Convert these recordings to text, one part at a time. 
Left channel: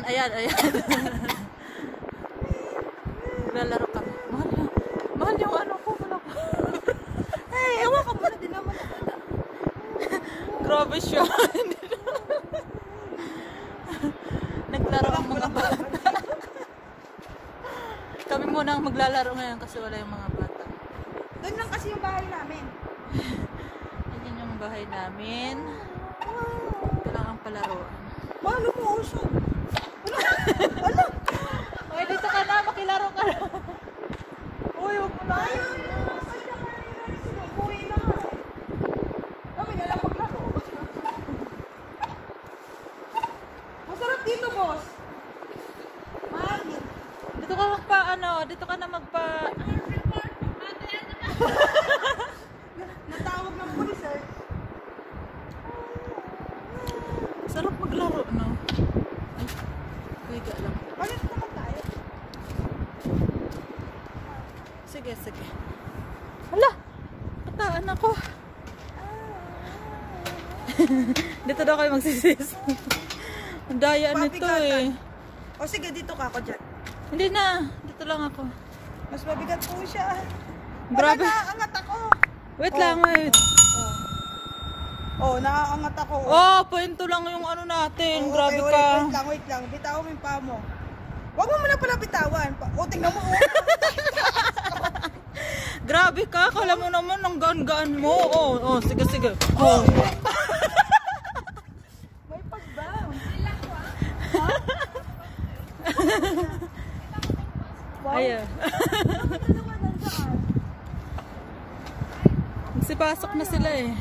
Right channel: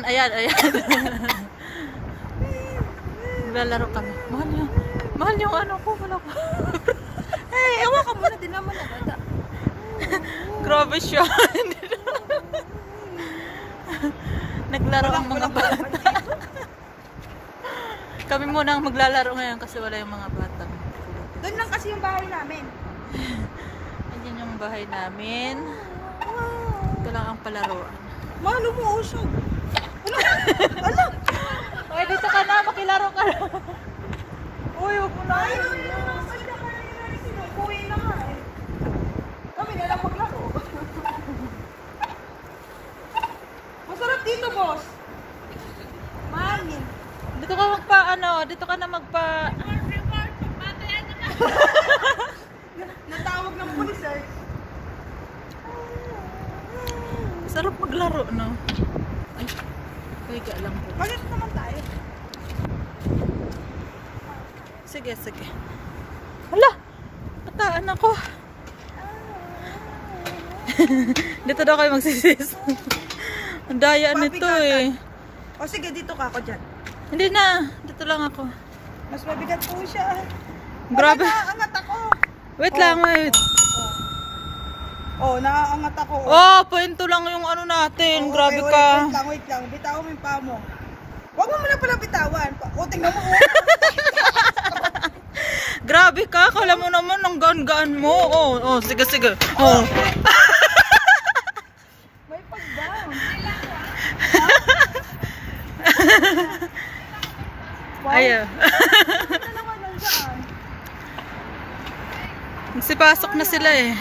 Ayan, ayan, ayan. Naglalaro kami. Mahal yung ano ko. Eh, ewan ka muna din naman ang bata. Grabe siya. Naglaro ang mga bata. Kami muna ang maglalaro ngayon kasi wala yung mga bata. Doon lang kasi yung bahay namin. Ayan yung bahay namin. Ito lang ang palaruan. Mano mo usap. Ano? Ay, dito ka na. Makilaro ka na. Uy, huwag mo na. Ayaw, ay na kanina. Sinukuwi na nga eh. Kami na lang maglaro. Masarap dito, boss. Mahangin. Dito ka dito ka na magpa... Natawag ng pulis eh. Sarap maglaro, no? Ay, kaya lang ko. Bakit naman tayo? Sige, sige. Hala! Kataan ako. Dito daw kayo magsisis. Ang daya nito eh. O sige, dito ka ako dyan. Hindi na. Dito lang ako. Mas mabigat po siya. Grabe. Naaangat ako. Wait lang, wait. Naaangat ako. Oh, kwento lang yung ano natin. Grabe ka. Wait lang. Bitawan mo yung paa mo. Huwag mo muna pala bitawan. Tingnan mo. Grabe ka. Kala mo naman ang gaan-gaan mo. Oh, sige, sige. Oh. May pag-down. Ayaw. Nagsipasok na sila eh.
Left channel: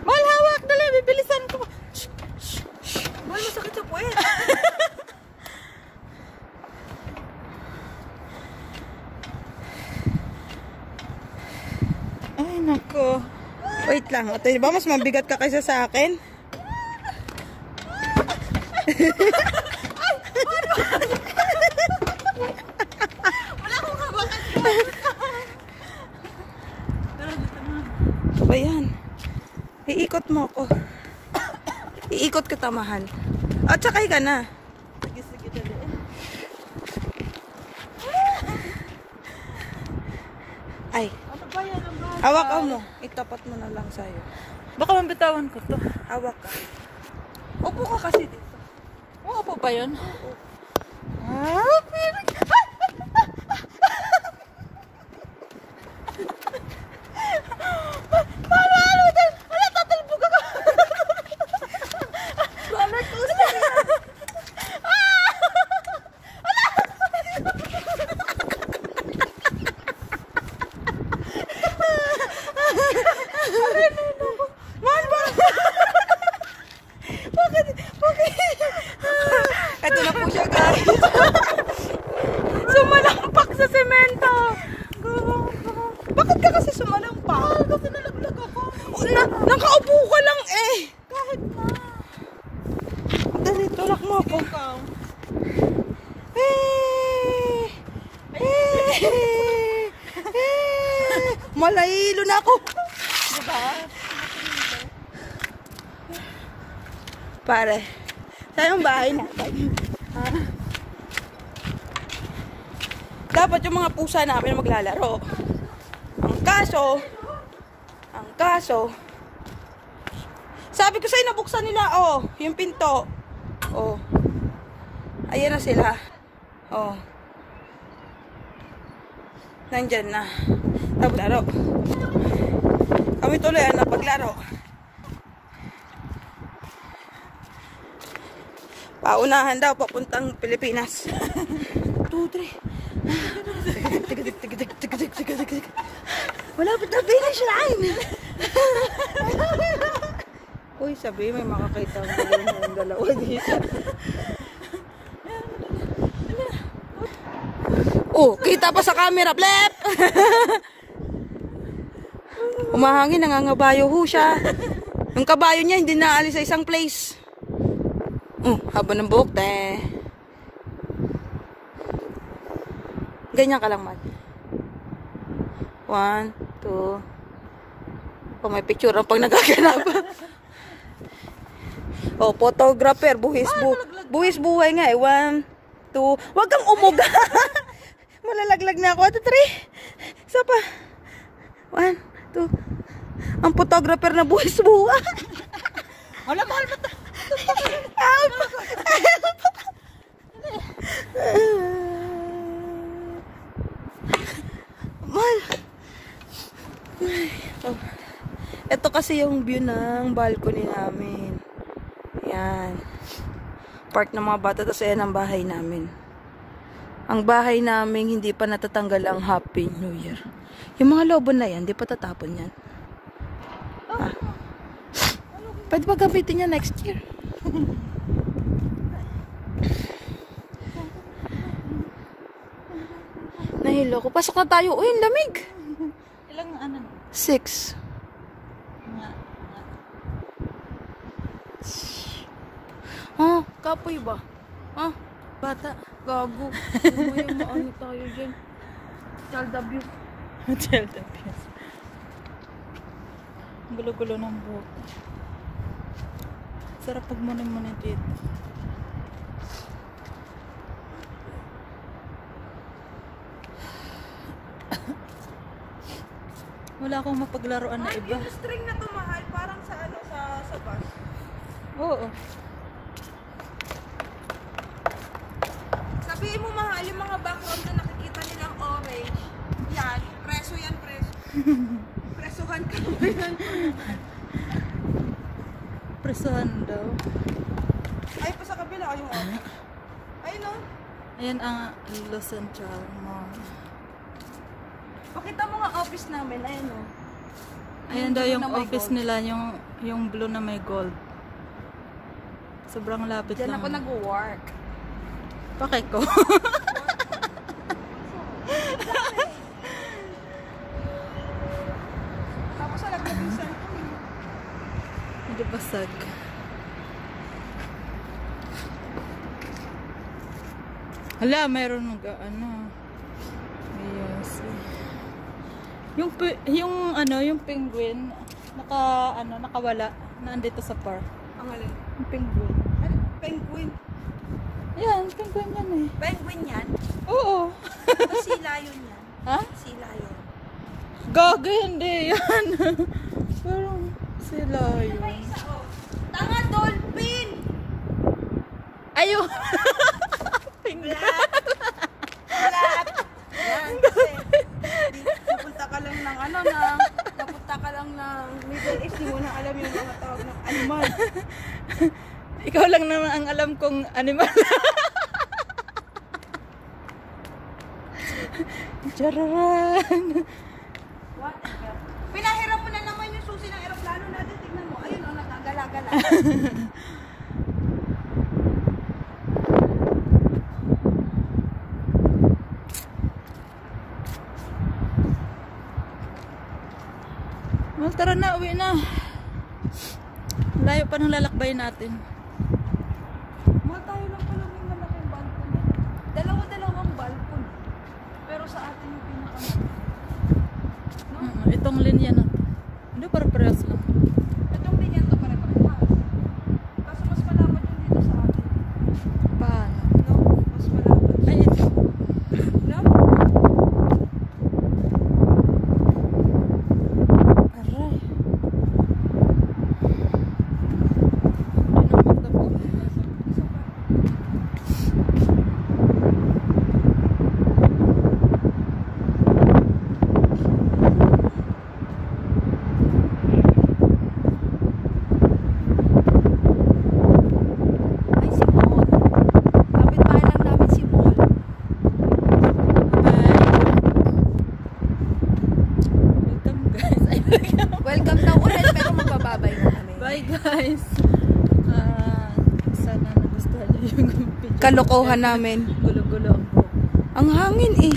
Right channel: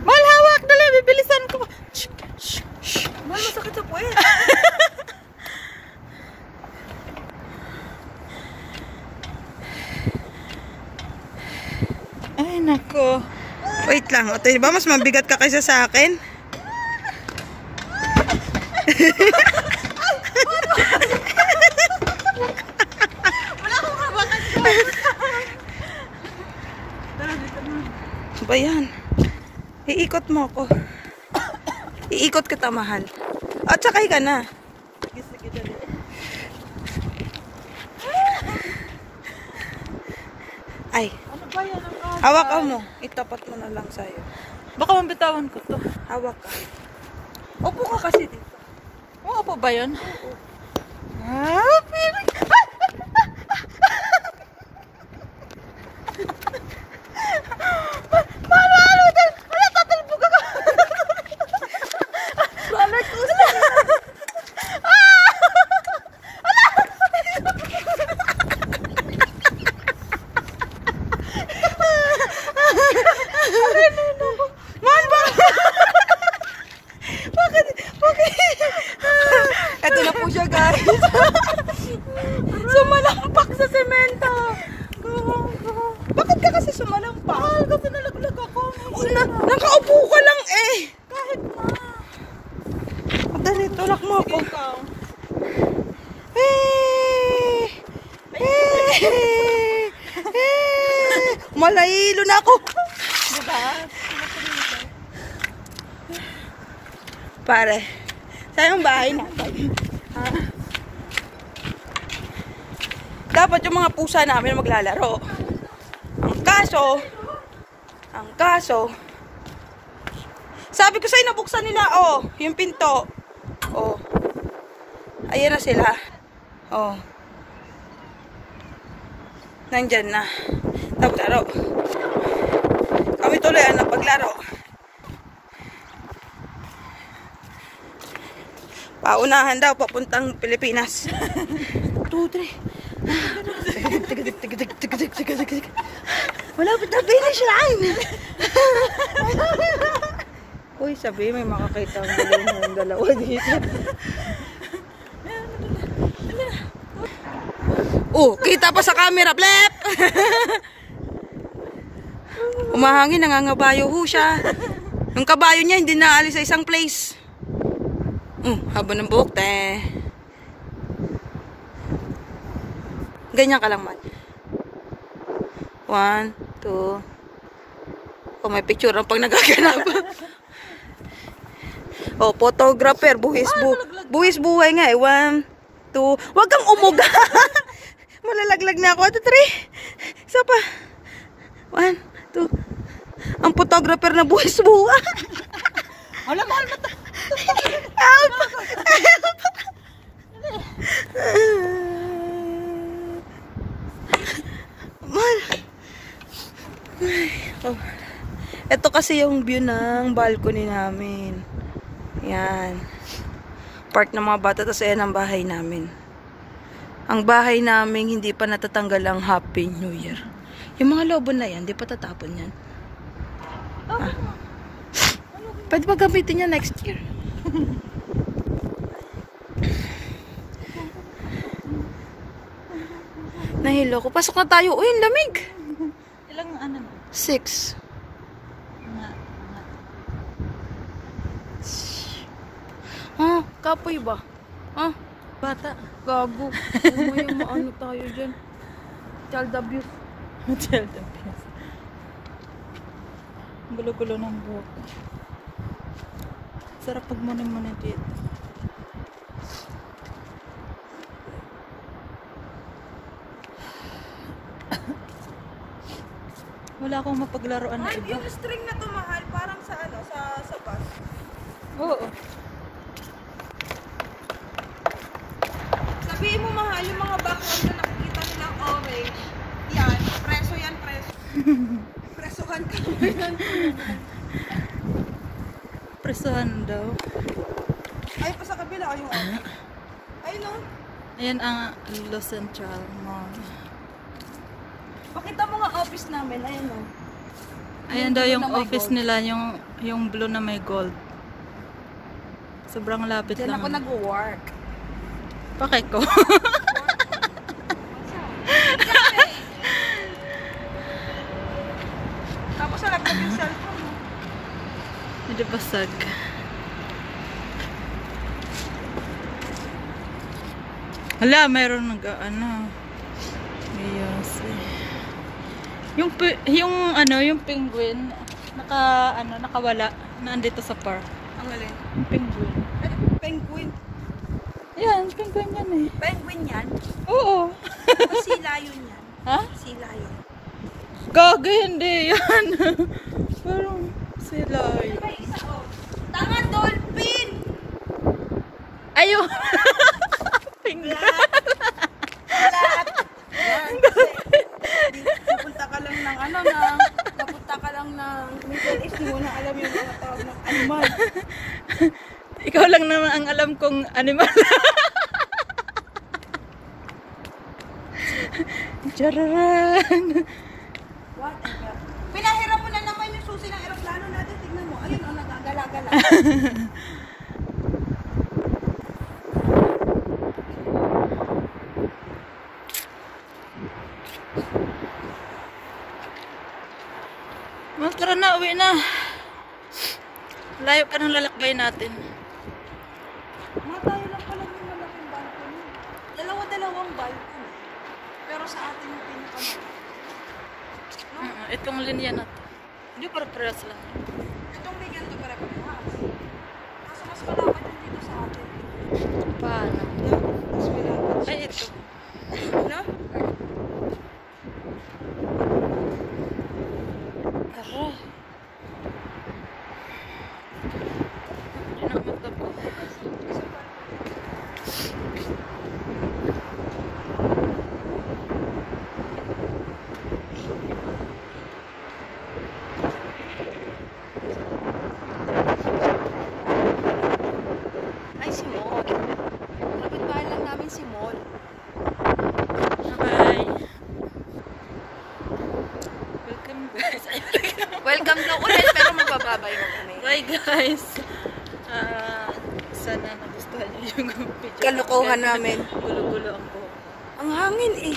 Mahal, hawak! Dali, bibilisan ko. Mahal, masakit sa puwet. Ay, nako. Wait lang. Ito, ba mas mabigat ka kaysa sa akin? Wala akong kabakan ko. Ano ba yan? Iikot mo ako. Iikot kita, mahal. At sakay ka na. Ay. Ano ba yan ang kasa? Hawak ka mo. Itapat mo na lang sa'yo. Baka mambitawan ko to. Hawak ka. Upo ka kasi dito. Oo po ba yun? Ah, ito na po siya, guys. Sumalampak sa semento. Bakit ka kasi sumalampak? Kasi nalaglag ako. Nakaupo ka lang eh. Kahit ma. Dali, tulak mo ako. Malaylo na ako. Diba? Pare. Saan yung bahay natin? Dapat yung mga pusa namin maglalaro. Ang kaso, sabi ko sa'yo, nabuksan nila, yung pinto. Ayan na sila. Nandyan na. Tapos laro. Kami tuloy ang napaglaro. Paunahan daw, papuntang Pilipinas. 2, 3. Malapit na finish line. Uy, sabi may makakita ng dalawa dito. Kita pa sa camera, blep. Umahangin, nangangabayo ho siya. Yung kabayo niya hindi naalis sa isang place. Haba ng buhok, Ganyan ka lang, man. 1, 2. May picture ang pag nagaganap. Oh, photographer, buhis buhay nga eh. 1, 2, wag kang umuga. Malalaglag na ako. 2, 3. Isa pa. 1, 2. Ang photographer na buhis buhay. Wala, mahal mo to. Help! Man. Oh. Ito kasi yung view ng balcony namin. Yan. Park ng mga bata. Tapos ayan ang bahay namin. Ang bahay namin hindi pa natatanggal ang Happy New Year. Yung mga lobo na yan, hindi pa tatapon yan. Ah. Pwede ba gamitin niya next year? Nahilo ko. Pasok na tayo. Uy, ang lamig. Ilang ano? 6. Oh, kapoy ba? Ah, bata. Gago. May maano tayo dyan. Child abuse. Child abuse. Gulo-gulo ng buhok. Sarap pag munin-munin dito. Wala akong mapaglaruan na iba. Yung string na tumahal, parang sa ano, sa bus. Oo. Sabihin mo mahal, yung mga background na nakikita nilang orange. Yan, preso yan, preso. Presohan ka mo yan. Presohan daw. Ay, pa sa kabila, ayun. Ay, no. Ayan ang Los Central Mall. Pakita mo nga office namin, ayun no. Ayan daw yung office nila, yung blue na may gold. Sobrang lapit Diyan lang. ako nag-work. Pakay ko. Tapos sa laptop yung cellphone. Hindi basag. Hala, mayroon ano. Yes. Yung penguin nakawala na andito sa park. Ang alin? Yung penguin. Penguin. Yan, penguin yan eh. Penguin yan? Oo. Sila yun yan. Ha? Sila yan. Gaga, hindi yan. Parang sila yun. Tanga, dolphin! Ayun. Penguin. Napunta ka lang ng napunta ka lang ng Middle East, di mo na alam yung mga tawag ng animal. Ikaw lang naman ang alam kong animal. Chararan. Whatever. Pinahiram mo na naman yung susi ng aeroplano natin. Tignan mo. Ayun, nagagala-gala. Well, tara na, uwi na. Layo pa ng lalakbay natin. Tayo lang pala may malaking balcony. Dalawa-dalawang balcony. Pero sa atin yung pinaka. Itong linya na to. Hindi, para-parehas lang. Itong bigyan to para pagkataas. Kaso mas malapit yung dito sa atin. Paano? Mas malapit. Ay, ito. No? Aray. Ay, nakamagdabo. Ay, si Mon. Kapit tayo lang namin si Mon. Bye. Welcome guys. Ay, Welcome ka ulit, pero magbababay mo kami. bye guys. Sana nagustuhan niyo yung video. Kalokohan namin. Gulo-gulo ang buhok. Ang hangin eh.